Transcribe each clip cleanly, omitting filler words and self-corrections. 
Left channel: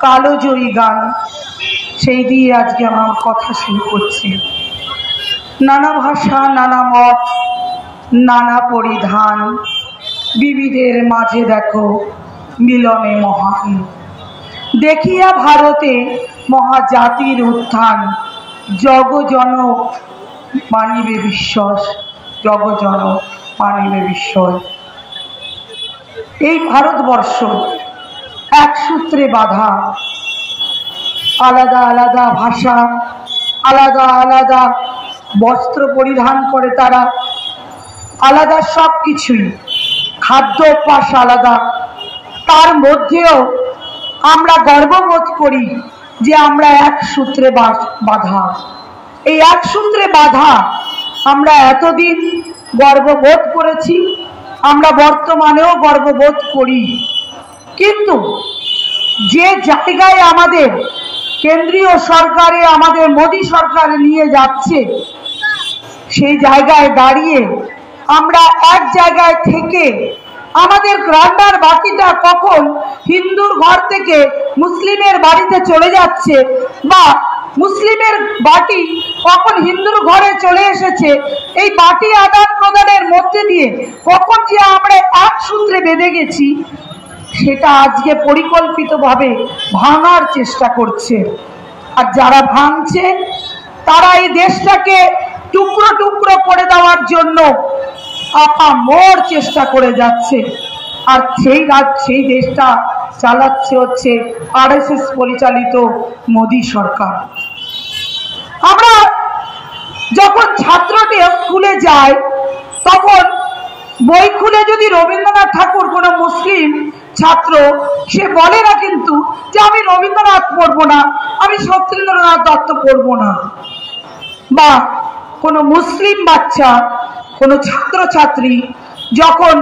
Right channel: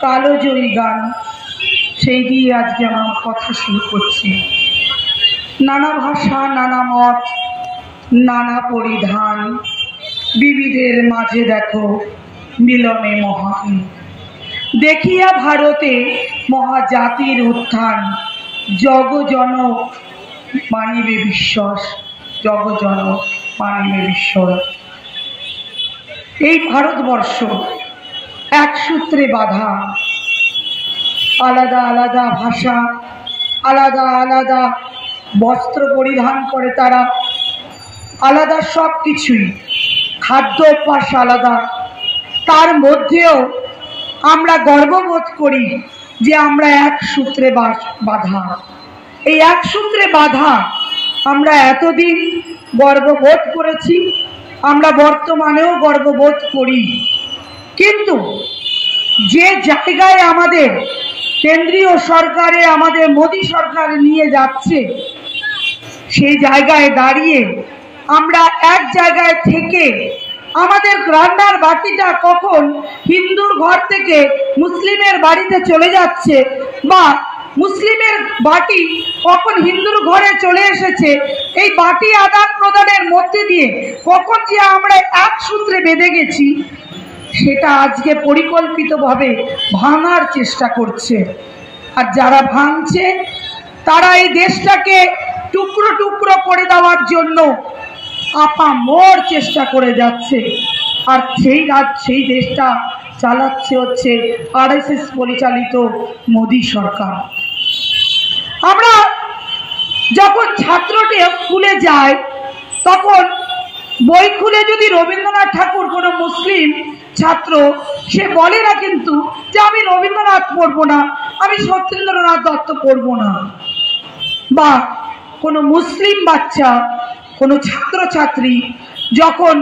কালোজয়ী গান, সেই দিয়ে আজকে আমার কথা শুরু করছি। নানা ভাষা, নানা মত, নানা পরিধান, বিবিধের মাঝে দেখো মিলনে মহান। দেখিয়া ভারতে মহাজাতির উত্থান, জগজন মানিবে বিশ্বাস, জগজন মানিবে বিস্ময়। এই ভারতবর্ষ এক সূত্রে বাঁধা, আলাদা আলাদা ভাষা, আলাদা আলাদা বস্ত্র পরিধান করে তারা, আলাদা সব কিছুই, খাদ্য অভ্যাস আলাদা। তার মধ্যেও আমরা গর্ববোধ করি যে আমরা এক সূত্রে বাঁধা। এই এক সূত্রে বাঁধা আমরা এতদিন গর্ববোধ করেছি, আমরা বর্তমানেও গর্ববোধ করি। কিন্তু যে জায়গায় আমাদের কেন্দ্রীয় সরকারে, আমাদের মোদী সরকার নিয়ে যাচ্ছে, সেই জায়গায় দাঁড়িয়ে আমরা এক জায়গায় থেকে আমাদের রান্নার বাটিটা কখন হিন্দুর ঘর থেকে মুসলিমের বাড়িতে চলে যাচ্ছে, বা মুসলিমের বাটি কখন হিন্দুর ঘরে চলে এসেছে, এই বাটি আদান প্রদানের মধ্যে দিয়ে কখন যে আমরা এক সূত্রে বেঁধে গেছি, সেটা আজকে পরিকল্পিতভাবে ভাঙার চেষ্টা করছে। আর যারা ভাঙছে তারা এই দেশটাকে টুকরো টুকরো করে দেওয়ার জন্য আপামর চেষ্টা করে যাচ্ছে। আর সেই দেশটা চালাচ্ছে হচ্ছে RSS পরিচালিত মোদী সরকার। আমরা যখন ছাত্রটি স্কুলে যায়, তখন বই খুলে যদি রবীন্দ্রনাথ ঠাকুর, কোনো মুসলিম ছাত্র, সে বলে না কিন্তু যে আমি রবীন্দ্রনাথ পড়বো না, আমি সত্যেন্দ্রনাথ দত্ত পড়বো না। বা কোনো মুসলিম বাচ্চা, কোনো ছাত্রছাত্রী যখন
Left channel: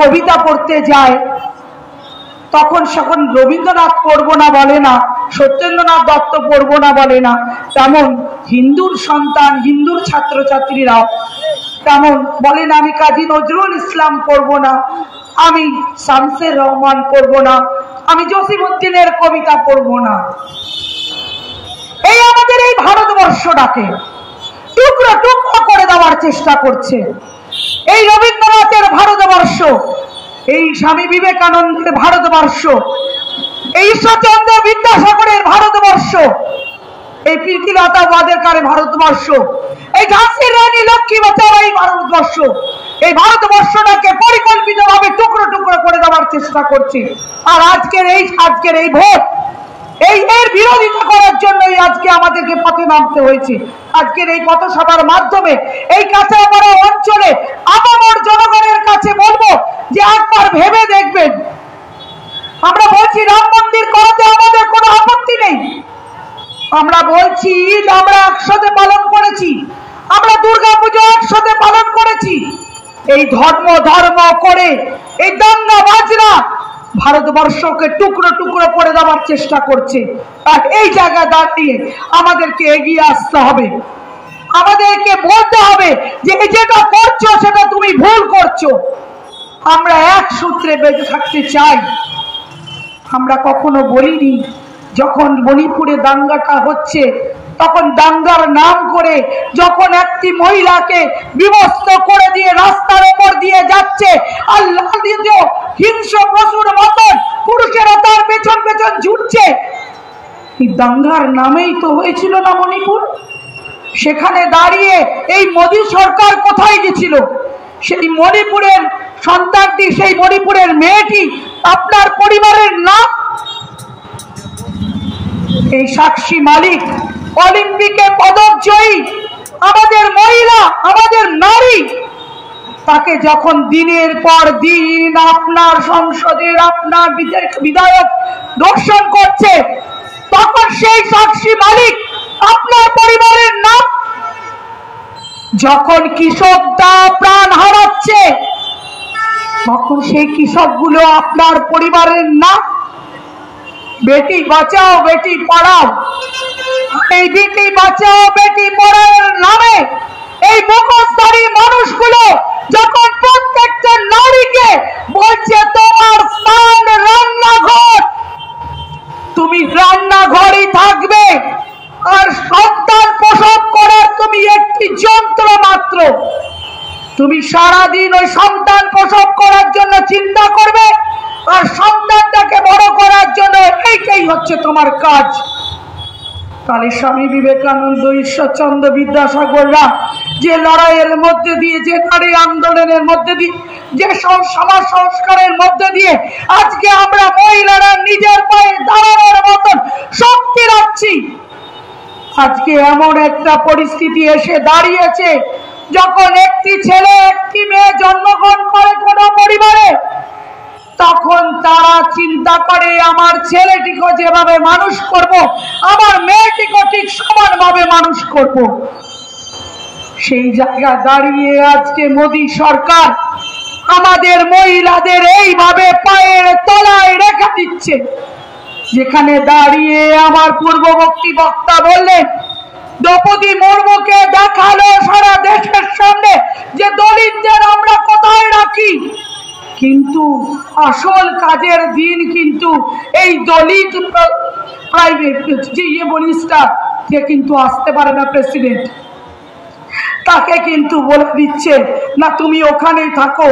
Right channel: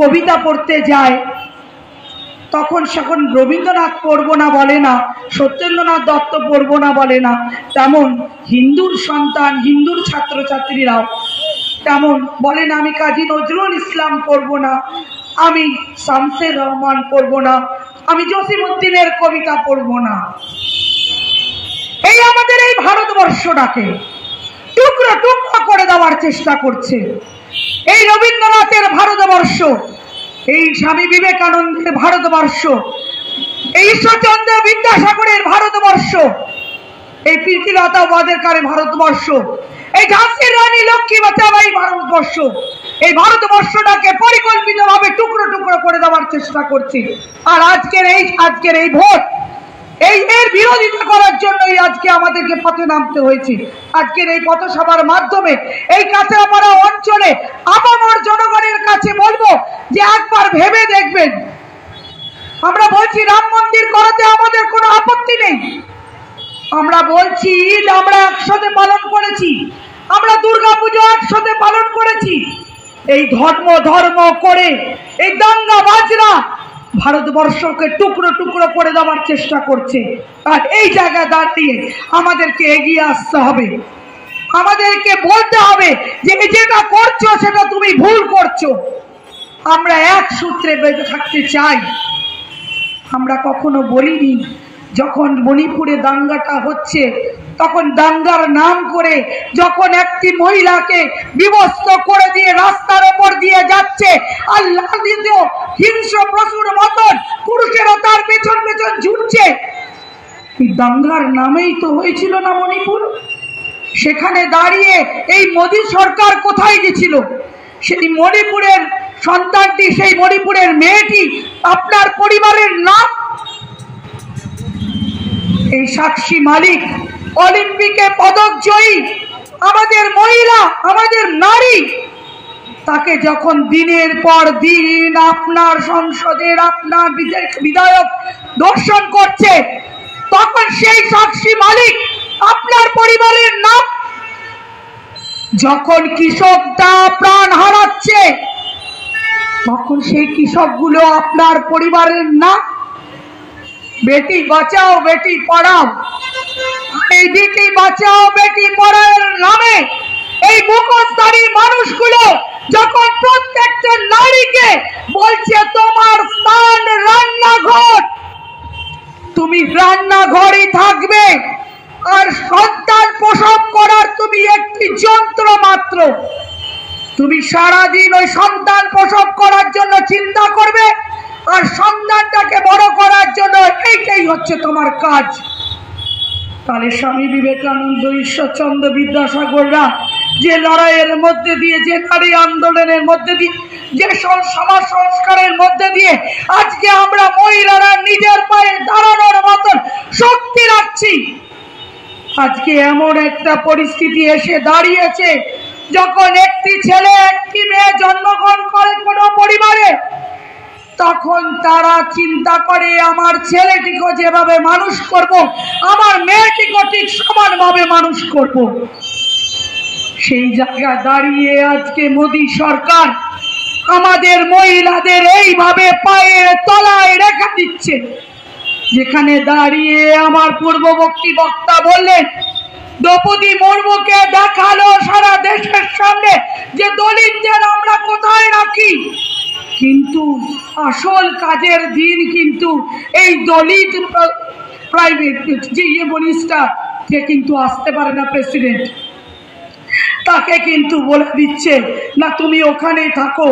কবিতা পড়তে যায়, তখন সেখন রবীন্দ্রনাথ পড়বো না বলে না, সত্যেন্দ্রনাথ দত্ত পড়বো না বলে না। তেমন হিন্দুর সন্তান, হিন্দুর ছাত্রছাত্রীরাও তেমন বলে না, আমি কাজী নজরুল ইসলাম পড়বো না, আমি শামসের রহমান পড়বো না, আমি জসিমউদ্দিনের কবিতা পড়বো না। এই আমাদের এই ভারতবর্ষটাকে টুকরো টুকরো করে দেওয়ার চেষ্টা করছে। এই রবীন্দ্রনাথের ভারতবর্ষ, এই স্বামী বিবেকানন্দের ভারতবর্ষ, এই ঈশ্বরচন্দ্র বিদ্যাসাগরের ভারতবর্ষ, এই প্রীতিলতা ওয়াদেকারের ভারতবর্ষ, এই ঝাঁসির রানী লক্ষ্মীবাঈ ভারতবর্ষ, এই ভারতবর্ষটাকে পরিকল্পিতভাবে টুকরো টুকরো করে দেওয়ার চেষ্টা করছে। আর আজকের এই ভোট, এর বিরোধিতা করার জন্যই আজকে আমাদেরকে পথে নামতে হয়েছে। আজকের এই পথসভার মাধ্যমে এই কাঁচাপাড়া অঞ্চলে আপামর জনগণের কাছে বলবো যে একবার ভেবে দেখবেন। আমরা বলছি রাম মন্দির করাতে আমাদের কোনো আপত্তি নেই, আমরা বলছি ঈদ আমরা একসাথে পালন করেছি, আমরা দুর্গাপুজো একসাথে পালন করেছি। এই ধর্ম করে এই দাঙ্গা বাজরা ভারতবর্ষকে টুকরো টুকরো করে দেওয়ার চেষ্টা করছে। আর এই জায়গায় দাঁড়িয়ে আমাদেরকে এগিয়ে আসতে হবে, আমাদেরকে বলতে হবে যে যেটা করছো সেটা তুমি ভুল করছো। আমরা এক সূত্রে বেঁধে থাকতে চাই। আমরা কখনো বলিনি, যখন মণিপুরে দাঙ্গাটা হচ্ছে, তখন দাঙ্গার নাম করে যখন একটি মহিলাকে বিবস্ত্র করে দিয়ে রাস্তার উপর দিয়ে যাচ্ছে, আর হিংস্র পশুর মতন পুরুষেরা তার পেছন পেছন ছুটছে, এই দাঙ্গার নামেই তো হয়েছিল না মণিপুর। সেখানে দাঁড়িয়ে এই মোদী সরকার কোথায় গেছিল? সেই মণিপুরের সন্তানটি, সেই মণিপুরের মেয়েটি আপনার পরিবারের নাম। এই সাক্ষী মালিক, অলিম্পিকে পদক জয়ী আমাদের মহিলা, আমাদের নারী, তাকে যখন দিনের পর দিন আপনার সংসদের আপনার বিধায়ক দর্শন করছে, তখন সেই সাক্ষী মালিক আপনার পরিবারের নাম। যখন কৃষকরা প্রাণ হারাচ্ছে, তখন সেই কৃষকগুলো আপনার পরিবারের নাম। বেটি বাঁচাও বেটি পড়াও, এই বেটি বাঁচাও বেটি পড়াওর নামে এই মুখোশধারী মানুষগুলো যখন প্রত্যেকটা নারীকে বলছে তোমার স্থান রান্নাঘর, তুমি রান্নাঘরেই থাকবে, আর সন্তান প্রসব করার তুমি একটি যন্ত্র মাত্র। তুমি সারাদিন ওই সন্তান প্রসব করার জন্য চিন্তা করবে, আর সন্তানটাকে বড় করার জন্য এইটাই হচ্ছে তোমার কাজ। তাহলে স্বামী বিবেকানন্দ, ঈশ্বরচন্দ্র বিদ্যাসাগররা যে লড়াইয়ের মধ্যে দিয়ে, যে নারী আন্দোলনের মধ্যে দিয়ে, যে সমাজ সংস্কারের মধ্যে দিয়ে আজকে আমরা মহিলারা নিজের পায়ে দাঁড়ানোর মতন শক্তি রাখছি, আজকে এমন একটা পরিস্থিতি এসে দাঁড়িয়েছে যখন একটি ছেলে একটি মেয়ে জন্মগ্রহণ করে কোনো পরিবারে, তখন তারা চিন্তা করে আমার ছেলেটিকে যেভাবে মানুষ করব, আমার মেয়েটিকে ঠিক সমানভাবে মানুষ করব। সেই জায়গায় দাঁড়িয়ে আজকে মোদী সরকার আমাদের মহিলাদের এইভাবে পায়ের তলায় রেখে দিচ্ছে, যেখানে দাঁড়িয়ে আমার পূর্ববর্তী বক্তা বললেন দ্রৌপদী মুর্মুকে দেখালো সারা দেশের সামনে যে দলিতদের আমরা কোথায় রাখি, কিন্তু আসল কাজের দিন কিন্তু এই দলিত প্রাইভেট যে মিনিস্টার কে কিন্তু আসতে পারে না, প্রেসিডেন্ট তাকে কিন্তু বলে দিচ্ছে না তুমি ওখানেই থাকো,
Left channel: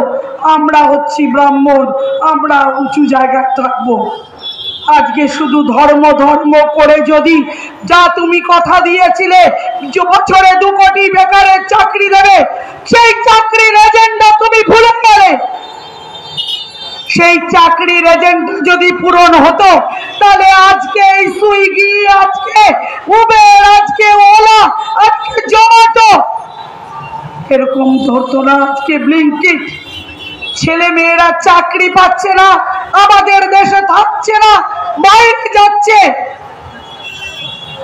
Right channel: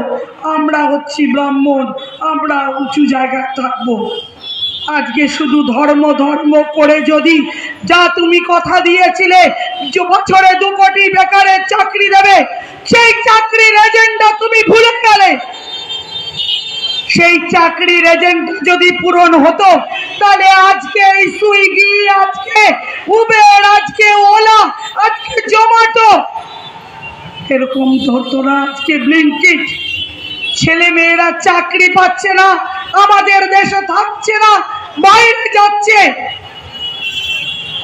আমরা হচ্ছি ব্রাহ্মণ, আমরা উঁচু জায়গায় থাকবো। আজকে শুধু ধর্ম ধর্ম করে যদি যা তুমি কথা দিয়েছিলে যে বছরে 2 কোটি বেকারের চাকরি দেবে, সেই চাকরির এজেন্ডা তুমি ভুলে গেলে। সেই চাকরির এজেন্ডা যদি পূরণ হতো তাহলে আজকে এই সুইগি, আজকে উবের, আজকে ওলা, আজকে জোম্যাটো এরকম ধরতো না। আজকে ব্লিঙ্কিট, ছেলে মেয়েরা চাকরি পাচ্ছে না, আমাদের দেশে থাকছে না, বাইরে যাচ্ছে।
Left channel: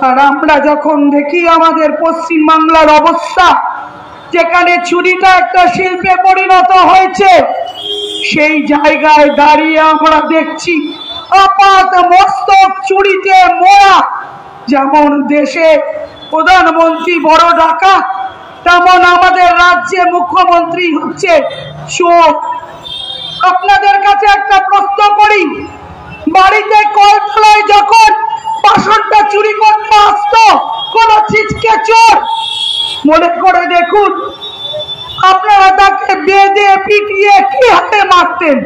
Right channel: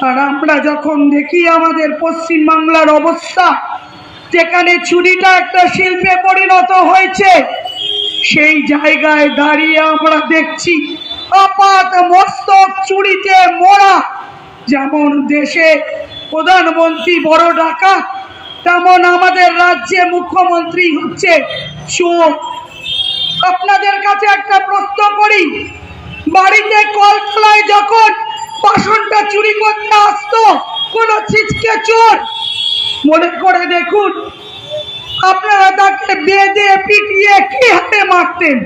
আর আমরা যখন দেখি আমাদের পশ্চিম বাংলার অবস্থা, যেখানে চুরিটা একটা শিল্পে পরিণত হয়েছে, সেই জায়গায় দাঁড়িয়ে আমরা দেখছি আপাত মস্তক চুরিতে মোড়া। যেমন দেশে প্রধানমন্ত্রী বড় ডাকাত, তেমন আমাদের রাজ্যে মুখ্যমন্ত্রী হচ্ছে চোর। আপনাদের কাছে একটা প্রশ্ন করি, বাড়িতে কলতলায় যখন বাসনটা চুরি করতে আসতো কোন চিজকে চোর, মনে করে দেখুন আপনারা তাকে বেঁধে পিটিয়ে কি হাতে মারতেন।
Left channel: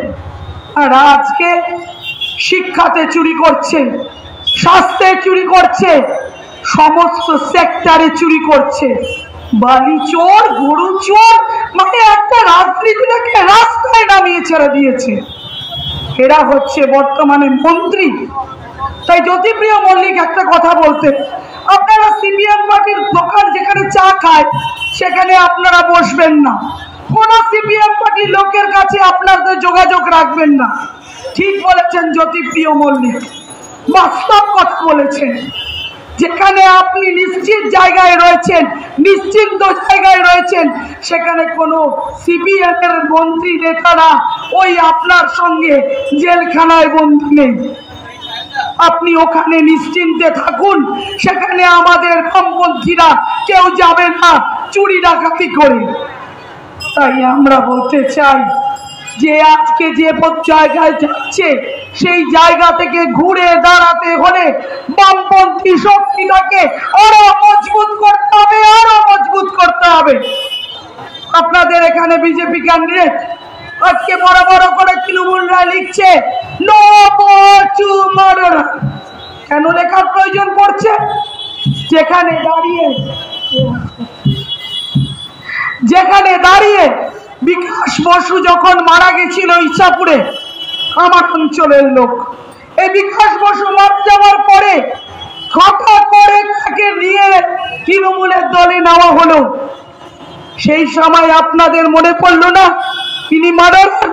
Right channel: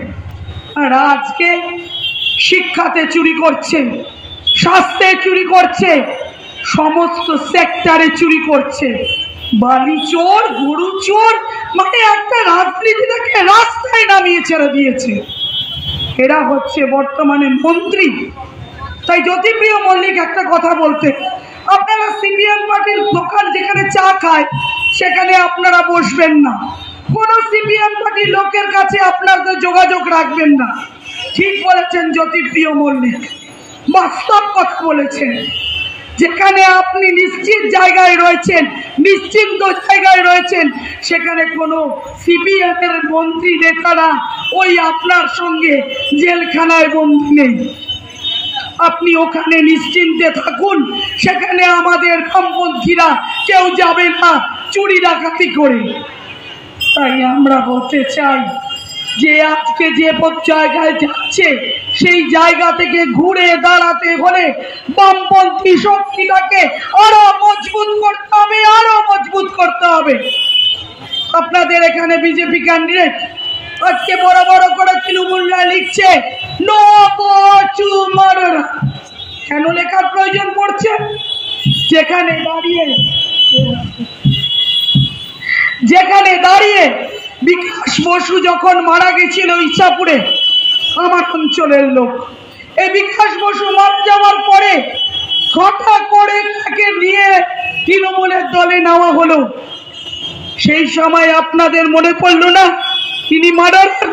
আর আজকে শিক্ষাতে চুরি করছে, স্বাস্থ্যে চুরি করছে, সমস্ত সেক্টরে চুরি করছে। বালি চোর, গরু চোর, মানে একটা রাজনীতিটাকে রাস্তায় নামিয়ে ছেড়ে দিয়েছে। এরা হচ্ছে বর্তমানে মন্ত্রী। তাই জ্যোতিপ্রিয় মল্লিক একটা কথা বলতে, আপনারা সিপিএম পার্টির দোকান যেখানে চা খায় সেখানে আপনারা বসবেন না, কোন সিপিএম পার্টির লোকের কাছে আপনাদের যোগাযোগ রাখবেন না। ঠিক বলেছেন জ্যোতিপ্রিয় মল্লিক, বাস্তব কথা বলেছেন। যেখানে আপনি নিশ্চিত জায়গায় রয়েছেন, নিশ্চিন্ত জায়গায় রয়েছেন, সেখানে কোনো সিপিএম এর মন্ত্রী নেতারা ওই আপনার সঙ্গে জেলখানায় বন্দী নেই। আপনি ওখানে নিশ্চিন্তে থাকুন, সেখানে আমাদের বামপন্থীরা কেউ যাবে না চুরি ডাকাতি করে। তাই আমরা বলতে চাই যে আজকে যে জায়গায় যাচ্ছে সেই জায়গা থেকে ঘুরে দাঁড়াতে হলে বামপন্থী শক্তিটাকে আরো মজবুত করতে হবে, আরো মজবুত করতে হবে। আপনাদের এখানে বিজেপি ক্যান্ডিডেট আজকে বড় বড় করে তৃণমূলরা লিখছে নো চুমারা। কেন লেখার প্রয়োজন পড়ছে? যেখানে দাঁড়িয়ে বিকাশ বসু যখন মারা গেছিল ইচ্ছাপুরে, আমার অঞ্চলের লোক, এই বিকাশ বসু মারা যাওয়ার পরে হঠাৎ করে তাকে নিয়ে তৃণমূলের দলে নেওয়া হলো। সেই সময় আপনাদের মনে পড়লো না তিনি মার্ডারার?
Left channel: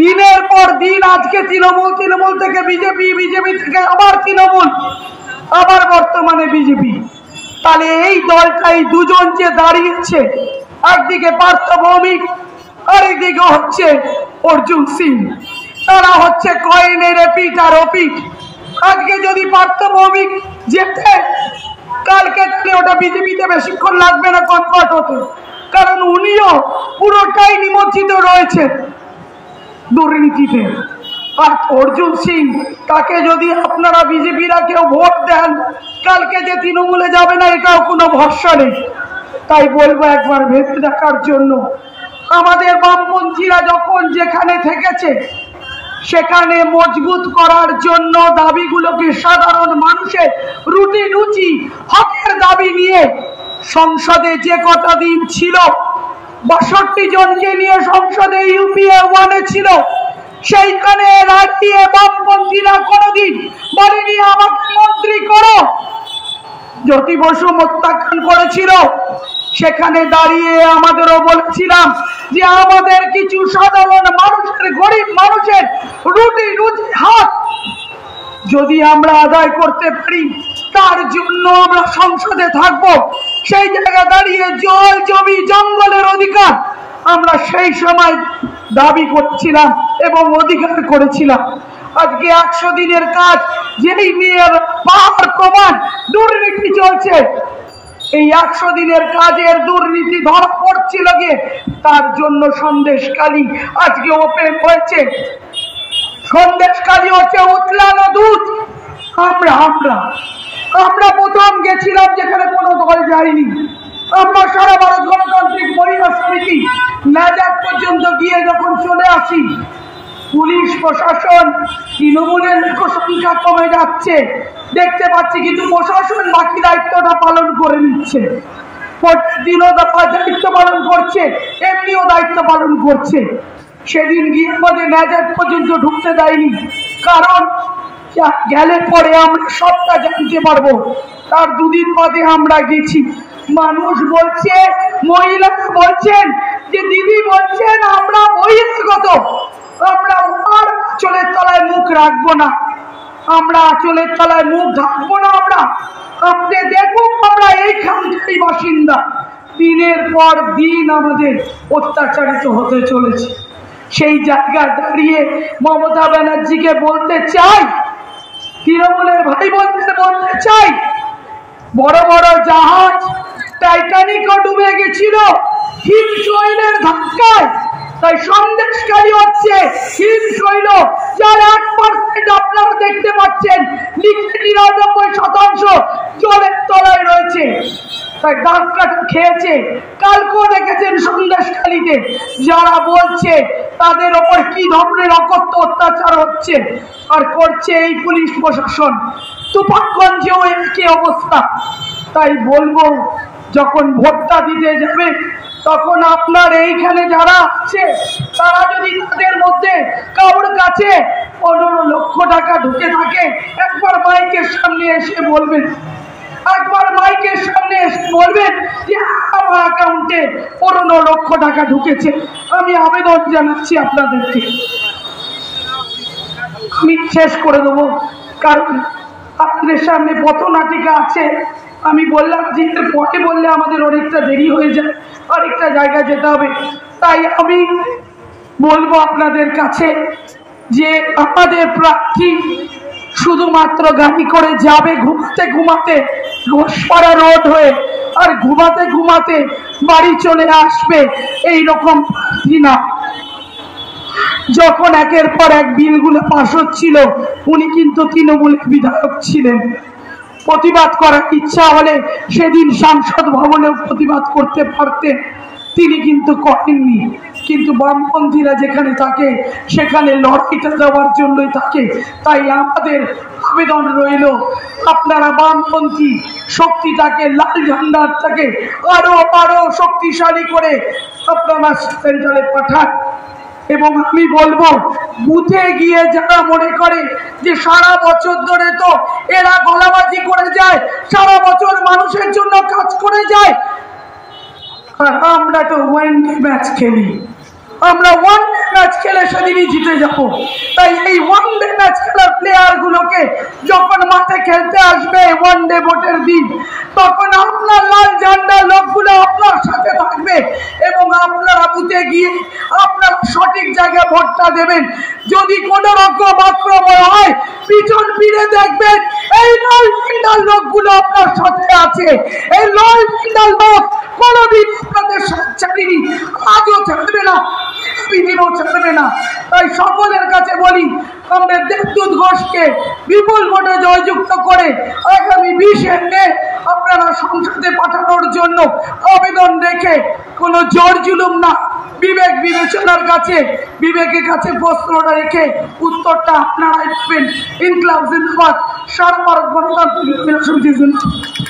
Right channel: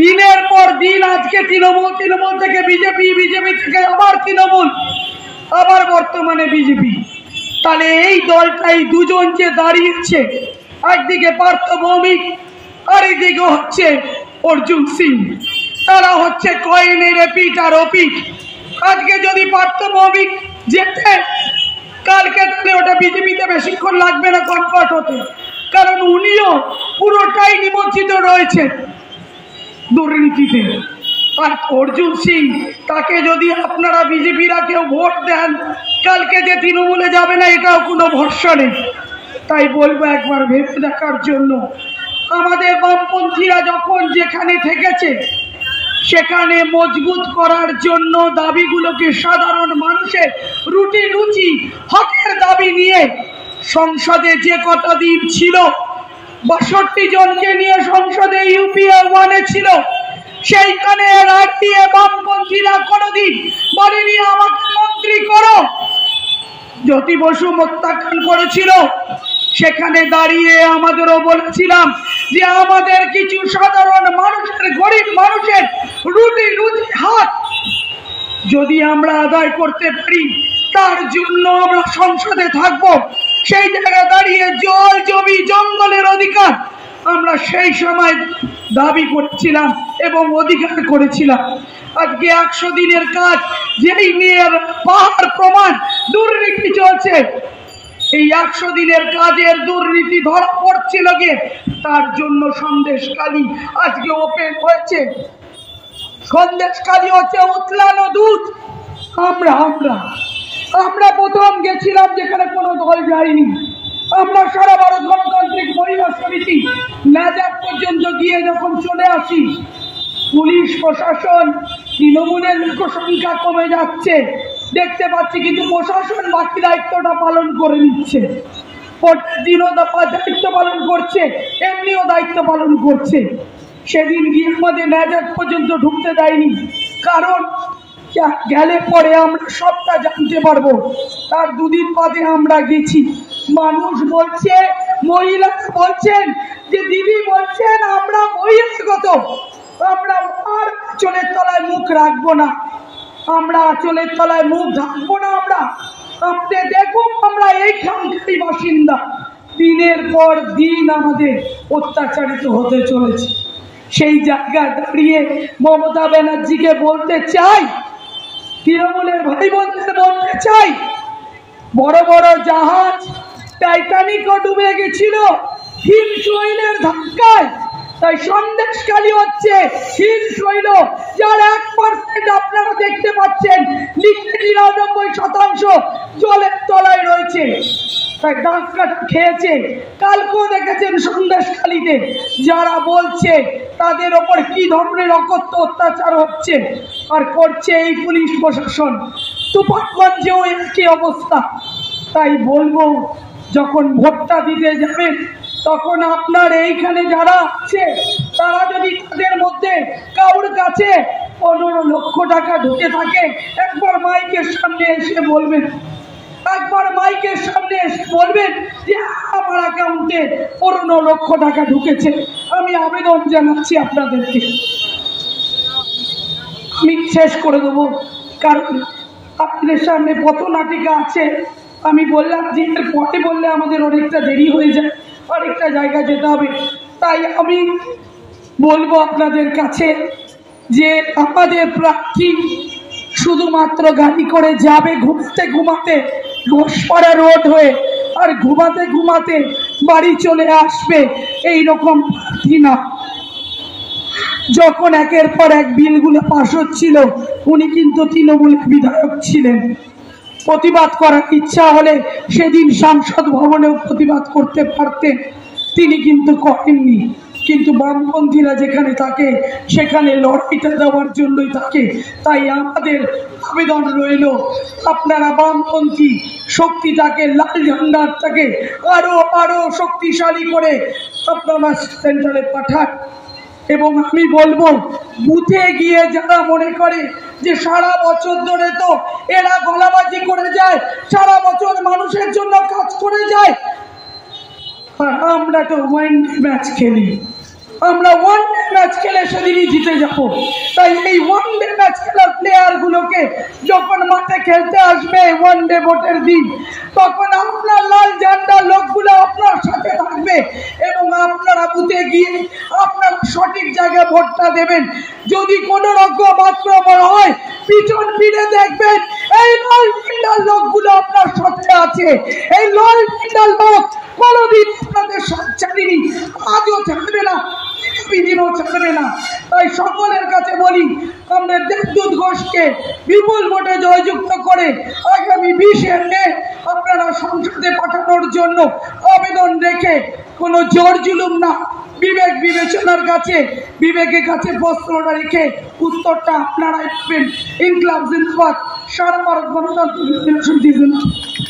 দিনের পর দিন আজকে তৃণমূল থেকে বিজেপি, বিজেপি থেকে আবার তৃণমূল, আবার বর্তমানে বিজেপি। তাহলে এই দলটাই দুজন যে দাঁড়িয়েছে, একদিকে পার্থ ভৌমিক আর এইদিকে হচ্ছে অর্জুন সিং, তারা হচ্ছে কয়েনের এপিঠ আর ওপিঠ। আজকে যদি পার্থ ভৌমিক যেতে, কালকে তাহলে ওটা বিজেপিতে বেশিক্ষণ লাগবে না কনভার্ট হতে, কারণ উনিও পুরোটাই নিমজ্জিত রয়েছে দুর্নীতিতে। আর অর্জুন সিং তাকে যদি আপনারা বিজেপিরা কেউ ভোট দেন, কালকে যে তৃণমূলে যাবে না এটাও কোনো ভরসা নেই। তাই বলবো একবার ভেবে দেখার জন্য। আমাদের বামপন্থীরা যখন যেখানে থেকেছে সেখানে মজবুত করার জন্য দাবিগুলোকে সাধারণ মানুষের রুটি রুচি হকের দাবি নিয়ে সংসদে যে কটা দিন ছিল, ৬২ জনকে নিয়ে সংসদে ইউপিএ 1-এ ছিল, সেইখানে রাত দিয়ে বামপন্থীরা কোনোদিন বলেনি আমাকে মন্ত্রী করো। জ্যোতি বসু প্রত্যাখ্যান করেছিল, সেখানে দাঁড়িয়ে আমাদেরও বলেছিলাম যে আমাদের কিছু সাধারণ মানুষের, গরিব মানুষের রুটি রুটি হাত যদি আমরা আদায় করতে পারি তার জন্য আমরা সংসদে থাকবো। সেই জায়গায় দাঁড়িয়ে জল জমি জঙ্গলের অধিকার আমরা সেই সময় দাবি করছিলাম এবং অধিকার করেছিলাম। আজকে ১০০ দিনের কাজ যেই নিয়ে পাহাড় প্রমাণ দুর্নীতি চলছে, এই ১০০ দিনের কাজের দুর্নীতি ধরা পড়ছিল গিয়ে, তার জন্য সন্দেশখালী আজকে ওপেন হয়েছে। সন্দেশখালী হচ্ছে উতলানো দুধ। আমরা আমরা আমরা প্রথম গেছিলাম যেখানে কোনো দল যায়নি। আমরা সারা ভারত গণতান্ত্রিক পরিবার সমিতি নাজাক পর্যন্ত গিয়ে যখন চলে আসি, পুলিশ প্রশাসন তৃণমূলের সংখ্যা কমে যাচ্ছে দেখতে পাচ্ছি, কিন্তু প্রশাসন বাকি দায়িত্বটা পালন করে নিচ্ছে। দিনও দায়িত্ব পালন করছে, এমনিও দায়িত্ব পালন করছে। সেদিন গিয়ে আমাদের নাজাক পর্যন্ত ঢুকতে দেয়নি, কারণ গেলে পরে আমরা সবটা জানতে পারবো। তার দুদিন বাদে আমরা গেছি, মানুষ বলছে, মহিলারা বলছেন যে দিদি বলছেন আমরা বহিরাগত, আমরা আর আঁচলের তলায় মুখ রাখবো না, আমরা আঁচলের তলায় মুখ ঢাকবো না। আমরা আপনি দেখুন আমরা এইখানকারই বাসিন্দা। দিনের পর দিন আমাদের অত্যাচারিত হতে চলেছে। সেই জায়গায় দাঁড়িয়ে মমতা ব্যানার্জিকে বলতে চাই, তৃণমূলের ভাই বোনদের বলতে চাই, বড় বড় জাহাজ টাইটানিকও ডুবে গেছিল হিমশৈলের ধাক্কায়। তাই সন্দেশখালী হচ্ছে হিমশৈল, যার 1% আপনারা দেখতে পাচ্ছেন, 99% জলের তলায় রয়েছে। তাই ধাক্কা খেয়েছে। কালকেও দেখেছেন সন্দেশখালীতে যারা বলছে তাদের ওপর কি ধরনের অকথ্য অত্যাচার হচ্ছে আর করছে এই পুলিশ প্রশাসন। তুফানগঞ্জেও একই অবস্থা। তাই বলবো যখন ভোটটা দিতে যাবে তখন আপনার এইখানে যারা আছে তারা যদি তাদের মধ্যে কারোর কাছে 15 লক্ষ টাকা ঢুকে থাকে, একবার মাইকের সামনে এসে বলবেন, একবার মাইকের সামনে এসে বলবেন যে আমার অ্যাকাউন্টে 15 লক্ষ টাকা ঢুকেছে। আমি আবেদন জানাচ্ছি আপনাদেরকে। আমি শেষ করে দেবো, কারণ আপনাদের সামনে পথনাটিকা আছে। আমি বললাম যে পথে বললে আমাদের অনেকটা দেরি হয়ে যায়, আরেকটা জায়গা যেতে হবে। তাই আমি বলবো আপনাদের কাছে যে আমাদের প্রার্থী শুধুমাত্র গাড়ি করে যাবে ঘুমাতে ঘুমাতে ঘোষপাড়া রোড হয়ে, আর ঘুমাতে ঘুমাতে বাড়ি চলে আসবে, এইরকম প্রার্থী না। যখন একের পর এক বিলগুলো পাশ হচ্ছিল, উনি কিন্তু তৃণমূলের বিধায়ক ছিলেন। প্রতিবাদ করার ইচ্ছা হলে সেদিন সংসদ ভবনেও প্রতিবাদ করতে পারতেন, তিনি কিন্তু করেননি। কিন্তু বামপন্থীরা যেখানে থাকে সেখানে লড়াইটা দেওয়ার জন্যই থাকে। তাই আমাদের আবেদন রইল, আপনারা বামপন্থী শক্তিটাকে, লাল ঝান্ডাটাকে আরো আরো শক্তিশালী করে আপনারা সেন্টারে পাঠান। এবং আমি বলবো, বুথে গিয়ে যারা মনে করে যে সারা বছর ধরে তো এরা গলাবাজি করে যায়, সারা বছর মানুষের জন্য কাজ করে যায়, আর আমরা তো ওয়ানডে ম্যাচ খেলি, আমরা ওয়ানডে ম্যাচ খেলে সেদিনই জিতে যাবো। তাই এই ওয়ানডে ম্যাচ খেলার প্লেয়ার গুলোকে যখন মাঠে খেলতে আসবে ওয়ানডে ভোটের দিন, তখন আপনার লাল ঝান্ডার লোকগুলো আপনার সাথে থাকবে এবং আপনারা বুথে গিয়ে আপনারা সঠিক জায়গায় ভোটটা দেবেন। যদি কোন রকম আক্রমণ হয় পিছন ফিরে দেখবেন এই লাল ঝান্ডার লোকগুলো আপনার সাথে আছে। এই লাল ঝান্ডার লোক কোনদিন আপনাদের সাথে ছাড়েনি, আজও ছাড়বে না, দিনও ছাড়বে না। তাই সকলের কাছে বলি, বিদেশে পাঠানোর জন্য আবেদন রেখে কোনো জোর জুলুম না, বিবেক বিবেচনার কাছে, বিবেকের কাছে প্রশ্নটা রেখে উত্তরটা আপনারাই পাবেন। ইনকলাব জিন্দাবাদ, সারা ভারত গণতান্ত্রিক